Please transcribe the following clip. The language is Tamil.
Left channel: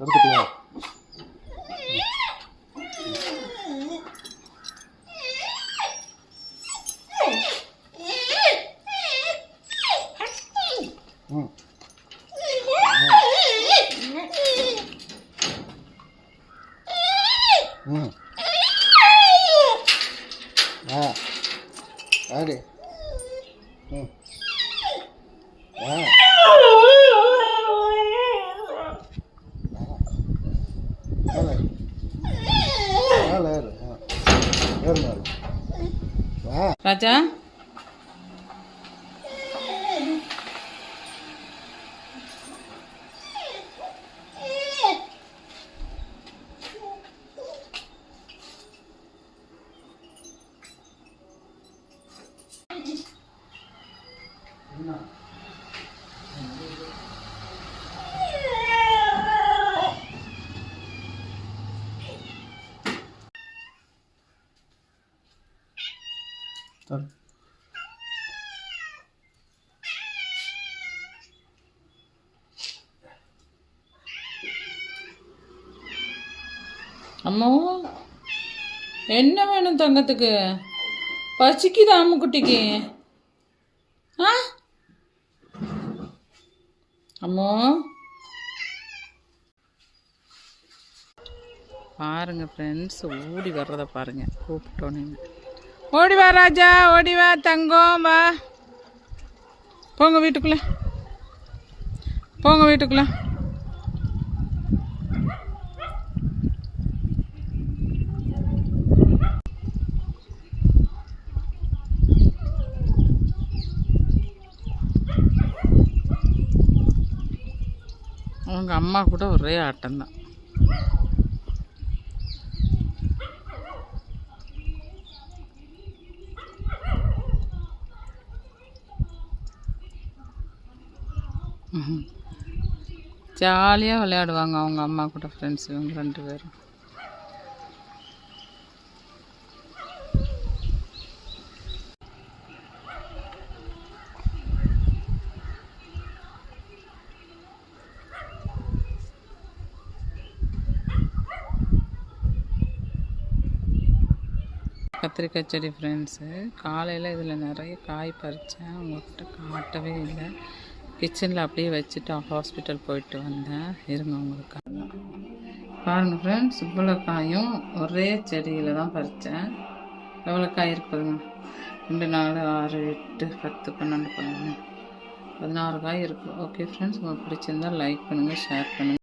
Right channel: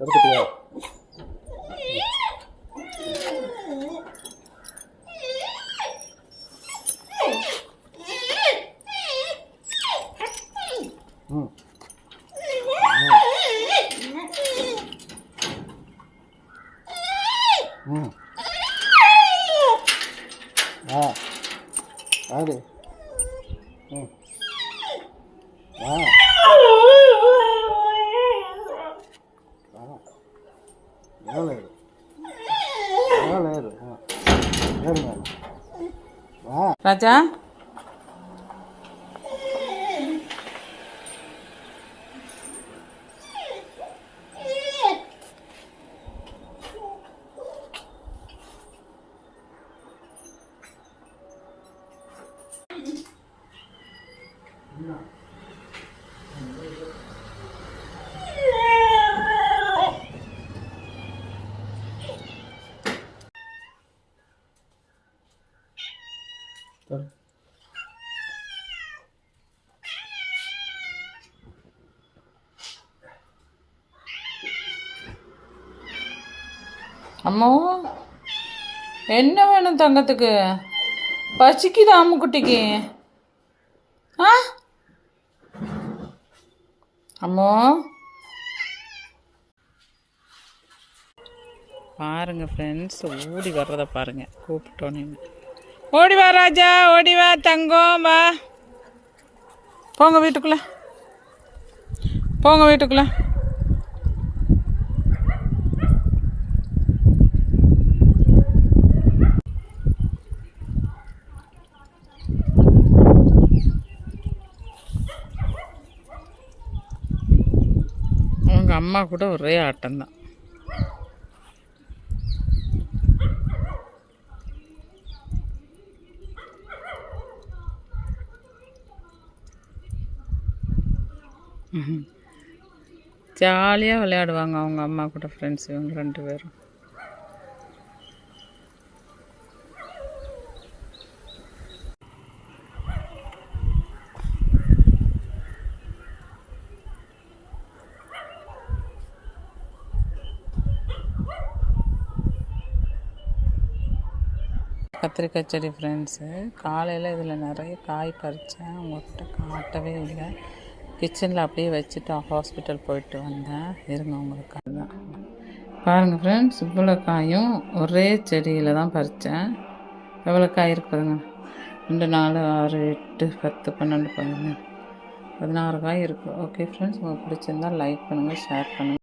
預けてよ。うん。うん。あ。れ。Raja. No. சரி அம்மோ என்ன வேணும் தங்கத்துக்கு? பசிக்குது அம்முக்குட்டிக்கு? ஆ? அம்மோ. பாருங்க ஃப்ரெண்ட்ஸ் ஓடி வர்றத பாருங்க கூப்பிட்டோன்னு. ஓடி வா ராஜா ஓடி வா தங்கம் வா. போங்க வீட்டுக்குள்ள. போங்க வீட்டுக்குள்ள. அவங்க அம்மா கூட ஒரே ஆட்டம்தான். ஜாலியாக விளையாடுவாங்க அவங்க அம்மா கூட ஃப்ரெண்ட்ஸ் இவங்க ரெண்டு பேரும். கத்திரிக்காய் செடி ஃப்ரெண்ட்ஸு காலையில் இதில் நிறைய காய் பறித்தேன் உங்கள்கிட்ட காட்டவே இல்லை. கிச்சனில் அப்படியே வச்சுட்டு ஹாஸ்பிட்டல் போயிட்டு வந்தேன். இருங்க உங்களுக்காக. பாருங்கள் ஃப்ரெண்ட்ஸ் இவ்வளோ காயும் ஒரே செடியில் தான் பறித்தேன் எவ்வளோ காய் இருக்குதுங்க ரெண்டு நாலு ஆறு எட்டு பத்து பன்னெண்டு பதினொன்று பதினாறு காய் இருக்குது ஓகே ஃப்ரெண்ட்ஸ் உங்களுக்கு பிடிச்சிருந்தா லைக் பண்ணுங்கள் ஷேர் பண்ணுங்கள்